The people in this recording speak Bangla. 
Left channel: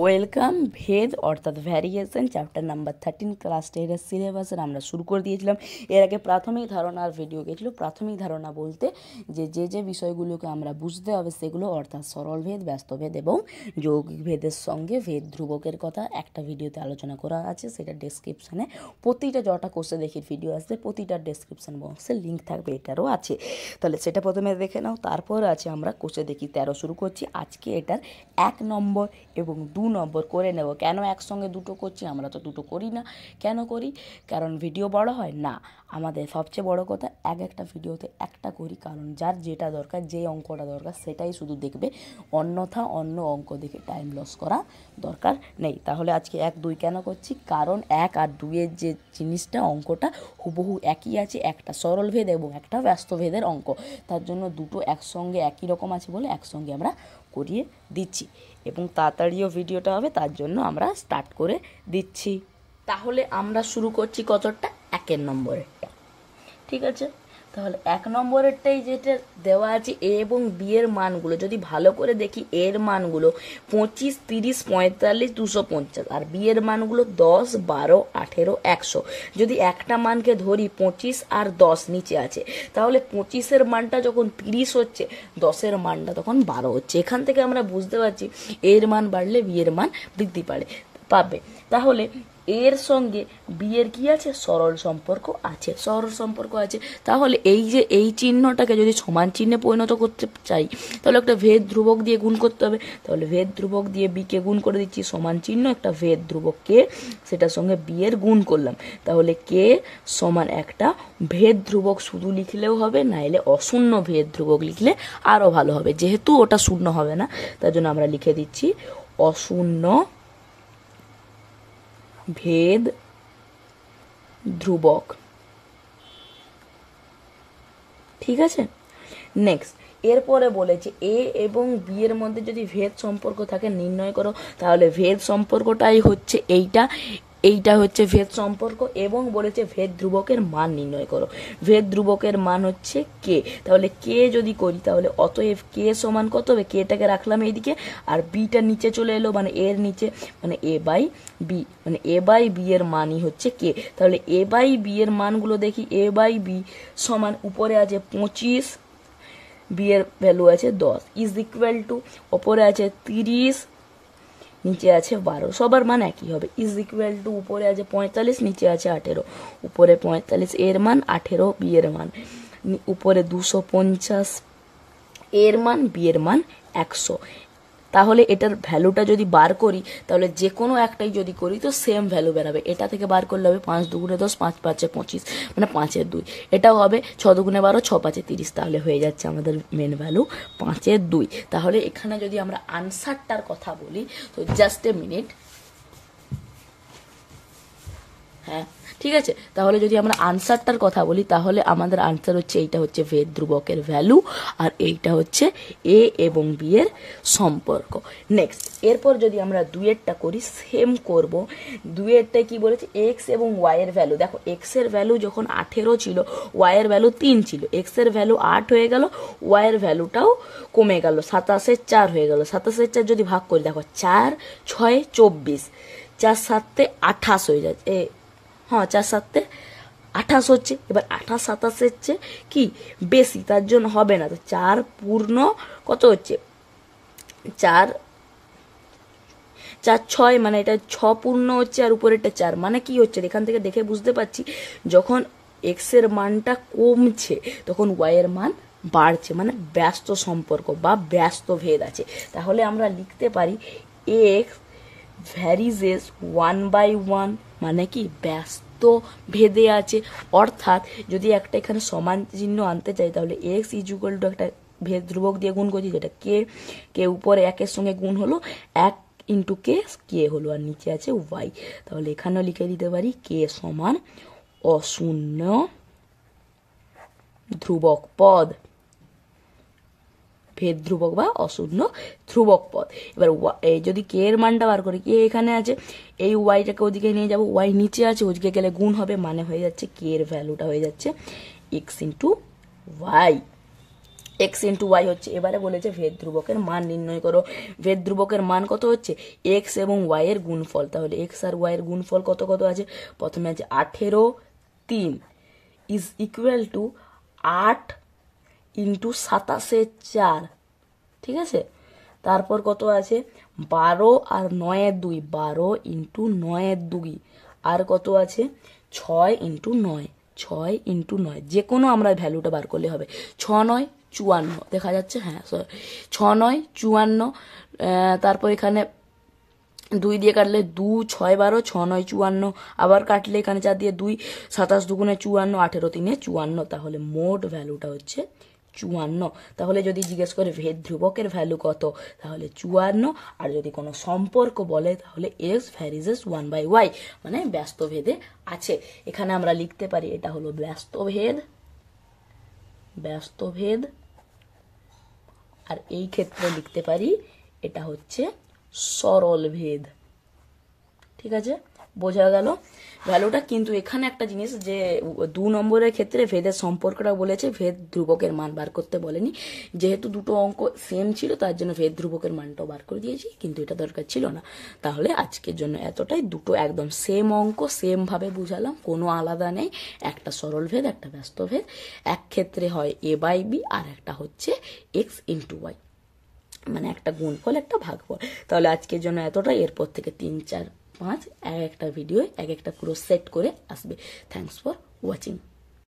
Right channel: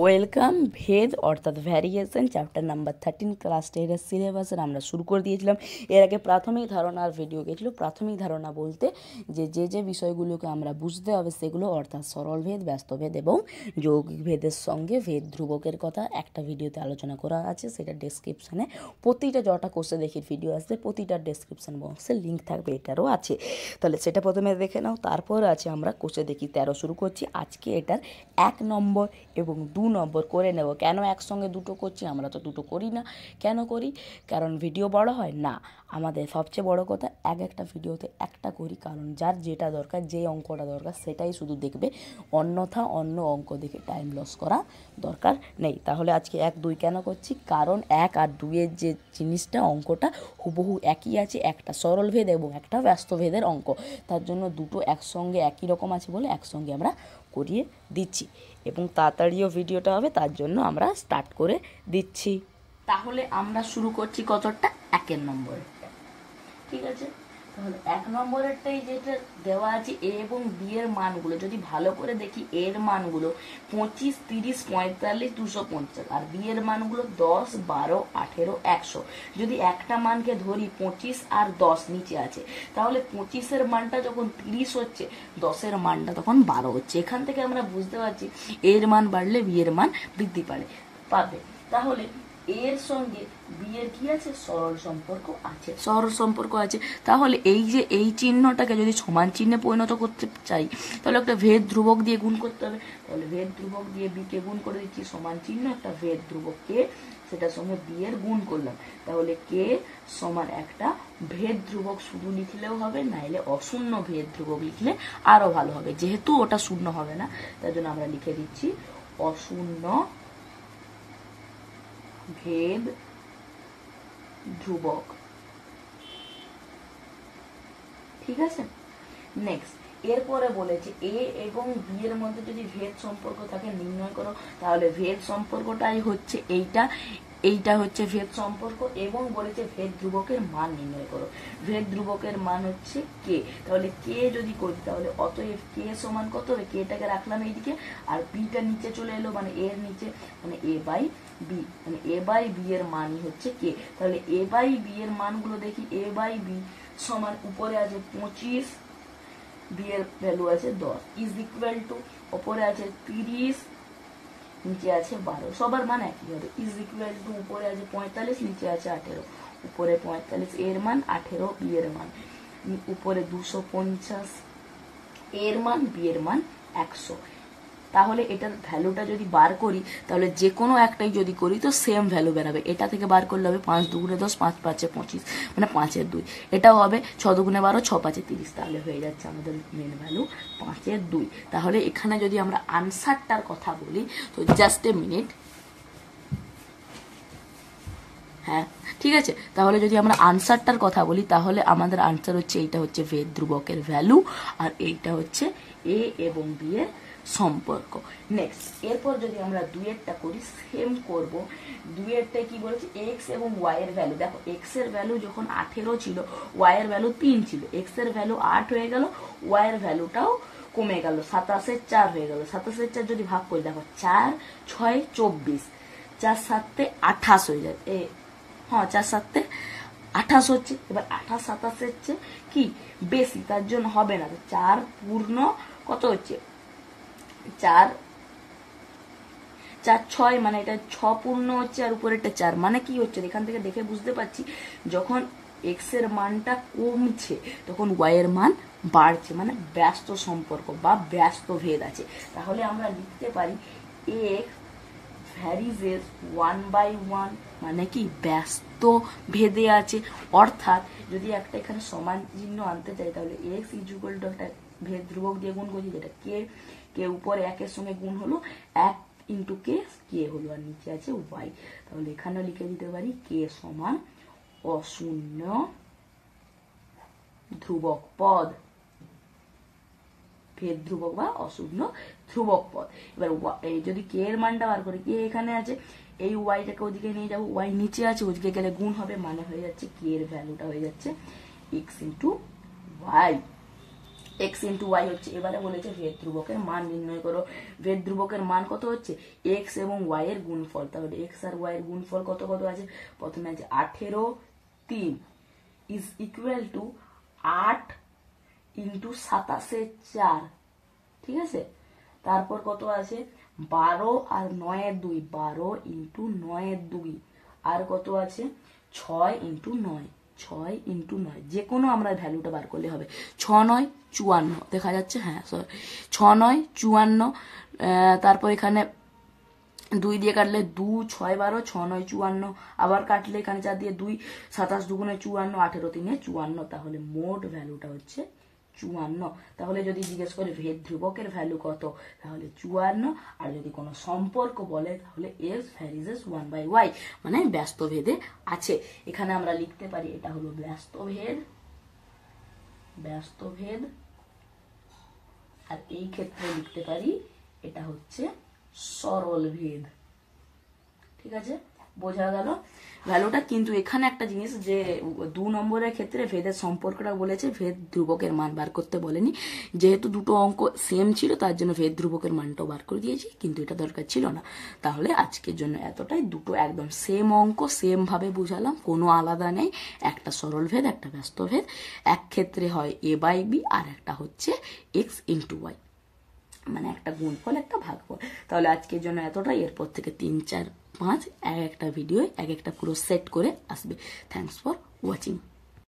ওয়েলকাম ভেদ অর্থাৎ ভ্যারিয়েশন চ্যাপ্টার নাম্বার 13 ক্লাস 10 সিলেবাসের আমরা শুরু করে দিয়েছিলাম। এর আগে প্রাথমিক ধারণার ভিডিও গেছিলো। প্রাথমিক ধারণা বলতে যে বিষয়গুলোকে আমরা বুঝতে হবে সেগুলো, অর্থাৎ সরল ভেদ, ব্যস্ত ভেদ এবং যৌগিক ভেদের সঙ্গে ভেদ ধ্রুবকের কথা একটা ভিডিওতে আলোচনা করা আছে। সেটা ডেসক্রিপশানে প্রতিটা যটা কোর্সে দেখি ভিডিও আসবে প্রতিটা ডেসক্রিপশান বক্সে লিঙ্ক থাকবে, এটারও আছে। তাহলে সেটা প্রথমে দেখে নাও। তারপর আছে আমরা কোর্সে দেখি 13 শুরু করছি। আজকে এটার 1 নম্বর এবং 2 নম্বর করে নেব। কেন একসঙ্গে দুটো করছি? আমরা তো দুটো করি না। কেন করি? কারণ ভিডিও বড় হয় না। আমাদের সবচেয়ে বড় কথা একটা ভিডিওতে একটা করি, কারণ যার যেটা দরকার, যে অঙ্কটা দরকার সেটাই শুধু দেখবে, অন্যথা অন্য অঙ্ক দেখে টাইম লস করা দরকার নেই। তাহলে আজকে 1, 2 কেন করছি? কারণ 1 আর 2 এর যে জিনিসটা, অঙ্কটা হুবহু একই আছে। একটা সরল ভেদ এবং একটা ব্যস্ত ভেদের অঙ্ক, তার জন্য দুটো একসঙ্গে একই রকম আছে বলে একসঙ্গে আমরা করিয়ে দিচ্ছি এবং তাড়াতাড়িও ভিডিওটা হবে, তার জন্য আমরা স্টার্ট করে দিচ্ছি। তাহলে আমরা শুরু করছি কতটা? 1 নম্বরেরটা। ঠিক আছে, তাহলে 1 নম্বরেরটাই যেটা দেওয়া আছে এ এবং বি এর মানগুলো যদি ভালো করে দেখি, এর মানগুলো 25, 30, 45, 250 আর বি এর মানগুলো 10, 12, 18, 100। যদি একটা মানকে ধরি 25 আর 10 নিচে আছে, তাহলে 25-এর মানটা যখন 30 হচ্ছে, 10-এর মানটা তখন 12 হচ্ছে। এখান থেকে আমরা বুঝতে পারছি এর মান বাড়লে বি এর মান বৃদ্ধি পাবে। তাহলে এর সঙ্গে বি এর কি আছে? সরল সম্পর্ক আছে, সরল সম্পর্ক আছে। তাহলে এই যে এই চিহ্নটাকে যদি সমান চিহ্নে পরিণত করতে চাই, তাহলে একটা ভেদ ধ্রুবক দিয়ে গুণ করতে হবে। তাহলে ভেদ ধ্রুবক দিয়ে বি কে গুণ করে দিচ্ছি, সমান চিহ্ন একটা ভেদ ধ্রুবক কে, সেটার সঙ্গে বি এর গুণ করলাম। তাহলে কে সমান একটা ভেদ ধ্রুবক শুধু লিখলেও হবে, নাইলে অশূন্য ভেদ ধ্রুবক লিখলে আরো ভালো হবে। যেহেতু ওটা শূন্য হবে না, তার জন্য আমরা লিখে দিচ্ছি অশূন্য ভেদ ধ্রুবক। ঠিক আছে, নেক্সট এরপরে বলেছে এ এবং বি এর মধ্যে যদি ভেদ সম্পর্ক থাকে নির্ণয় করো। তাহলে ভেদ সম্পর্কটাই হচ্ছে এইটা হচ্ছে ভেদ সম্পর্ক, এবং বলেছে ভেদ ধ্রুবকের মান নির্ণয় করো। ভেদ ধ্রুবকের মান হচ্ছে কে। তাহলে কে যদি করি, তাহলে অতএব কে সমান কত হবে? কেটাকে রাখলাম এইদিকে আর বিটা নিচে চলে এলো, মানে এর নিচে, মানে এ বাই বি, মানে এ বাই বি এর মানই হচ্ছে কে। তাহলে এ বাই বি এর মানগুলো দেখি। এ বাই বি সমান উপরে আছে 25, বি এর ভ্যালু আছে 10, ইজ ইকুয়াল টু ওপরে আছে 30, নিচে আছে 12, সবার মান একই হবে। ইজ ইকুয়াল টু উপরে আছে 45, নিচে আছে 18, উপরে 45 এর মান, 18 বি এর মান, উপরে 250 এর মান, বি এর মান 100। তাহলে এটার ভ্যালুটা যদি বার করি, তাহলে যে কোনো একটাই যদি করি তো সেম ভ্যালু বেরাবে। এটা থেকে বার করলে হবে 5 দুগুণে 10, 5 5 25, মানে 5-এর 2। এটাও হবে 6 দুগুণে 12, 6 5 30। তাহলে হয়ে যাচ্ছে আমাদের মেন ভ্যালু 5-এর 2। তাহলে এখানে যদি আমরা আনসারটার কথা বলি, তো জাস্ট এ মিনিট। হ্যাঁ, ঠিক আছে। তাহলে যদি আমরা আনসারটার কথা বলি, তাহলে আমাদের আনসার হচ্ছে এইটা হচ্ছে ভেদ ধ্রুবকের ভ্যালু, আর এইটা হচ্ছে এ এবং বি এর সম্পর্ক। নেক্সট এরপর যদি আমরা 2-এরটা করি, সেম করব। 2-এরটায় কি বলেছে? এক্স এবং ওয়াই এর ভ্যালু। দেখো, এক্স এর ভ্যালু যখন 18 ছিল, ওয়াই এর ভ্যালু 3 ছিল। এক্স এর ভ্যালু 8 হয়ে গেল, ওয়াই এর ভ্যালুটাও কমে গেল, 27-এর 4 হয়ে গেল। 27-এর 4 যদি ভাগ করি, দেখো 4 6 24, 4 7 28 হয়ে যাচ্ছে। হ্যাঁ, 4 7 28 হচ্ছে। এবার 28 27-এর চেয়ে কি বেশি, তার জন্য হবে না। তো 4 পূর্ণ কত হচ্ছে? 4 4 6, মানে এটা 6 পূর্ণ হচ্ছে, আর উপরেরটা 4, মানে কি হচ্ছে? এখান থেকে দেখে বুঝতে পারছি যখন এক্স এর মানটা কমছে তখন ওয়াই এর মান বাড়ছে, মানে ব্যস্ত সম্পর্ক বা ব্যস্ত ভেদ আছে। তাহলে আমরা লিখতে পারি এক্স ভ্যারিজেস 1/1, মানে কি ব্যস্ত ভেদে আছে। অর্থাৎ যদি একটা এখানে সমান চিহ্ন আনতে চাই, তাহলে এক্স ইজ ইকুয়াল টু একটা ভেদ ধ্রুবক দিয়ে গুণ করছি, যেটা কে উপরে 1-এর সঙ্গে গুণ হলো, 1 ইন্টু কে হলো, আর নিচে আছে ওয়াই। তাহলে এখানেও লিখে দিতে পারি কে সমান অশূন্য ধ্রুবক পদ, ভেদ ধ্রুবক বা অশূন্য ধ্রুবক পদ। এবার যদি কে এর মানটা বার করি, কে এখানে আছে, এই ওয়াইটাকে ওদিকে নিয়ে যাবো, ওয়াই নিচে আছে, ওদিকে গেলে গুণ হবে, মানে হয়ে যাচ্ছে কে এর ভ্যালুটা হয়ে যাচ্ছে X into Y. X into Y হচ্ছে। এবারে বলেছে ভেদ ধ্রুবকের মান নির্ণয় করো। ভেদ ধ্রুবকের মান কত হচ্ছে? এক্স এবং ওয়াই এর গুণফল। তাহলে এক্স আর ওয়াই এর গুণফল কত কত আছে? প্রথমে আছে 18 ইজ ইকুয়াল টু 8 ইন্টু 27 ঠিক আছে। তারপর কত আছে? 12 আর 9 12 ইন্টু 9 আর কত আছে? 6 ইন্টু 9 6 ইন্টু 9 যে কোনো আমরা ভ্যালুটা বার করলে হবে। 6 9 54 দেখা যাচ্ছে, হ্যাঁ 6 9 54। তারপর এখানে 2 দিয়ে কাটলে 2 6 12 6 9 54, আবার কাটলে এখানে 4 দিয়ে 2 27 দুগুণে 54 18 3 54। তাহলে মোট ভ্যালুটা হচ্ছে 54। তাহলে যদি জিজ্ঞেস করে ভেদ ধ্রুবকের ভ্যালু কত, তাহলে 54। আর যদি কোনো সম্পর্ক বলে তাহলে এক্স ভ্যারিজেস 1/y, মানে ব্যস্ত ভেদে আছে। এখানে আমরা লিখতে পারি এটা হলো ব্যস্ত ভেদ, আর এই ক্ষেত্রে লিখতে পারি এটা হচ্ছে সরল ভেদ। ঠিক আছে, বোঝা গেল ভ্যালুটা। কিন্তু এখানে একটা জিনিস, যে 2 নম্বরের ক্ষেত্রে ভেদের সম্পর্কটা বলেছে, ভেদ ধ্রুবকের মান বার করতে বলেনি। যেহেতু দুটো অঙ্ক সেম ছিল তার জন্য ভেদ ধ্রুবকের মানটাও বার করে দিয়েছি, কিন্তু এটা দরকার ছিল না। তাহলে আজকের জন্য এতটাই। দুটো একদম সেম অঙ্ক, সেম ভাবে বুঝালাম, কোনো আলাদা নেই। একটা সরল ভেদ, একটা ব্যস্ত ভেদ। এক ক্ষেত্রে হয় a/b, আর একটা হচ্ছে এক্স ইন্টু ওয়াই, মানে একটা গুণফল একটা ভাগফল। তাহলে আজকের জন্য এতটাই। এরপর থেকে 3 4 5 এক একটা ভিডিও এক একটা পুরো সেট করে আসবে। Thanks for watching.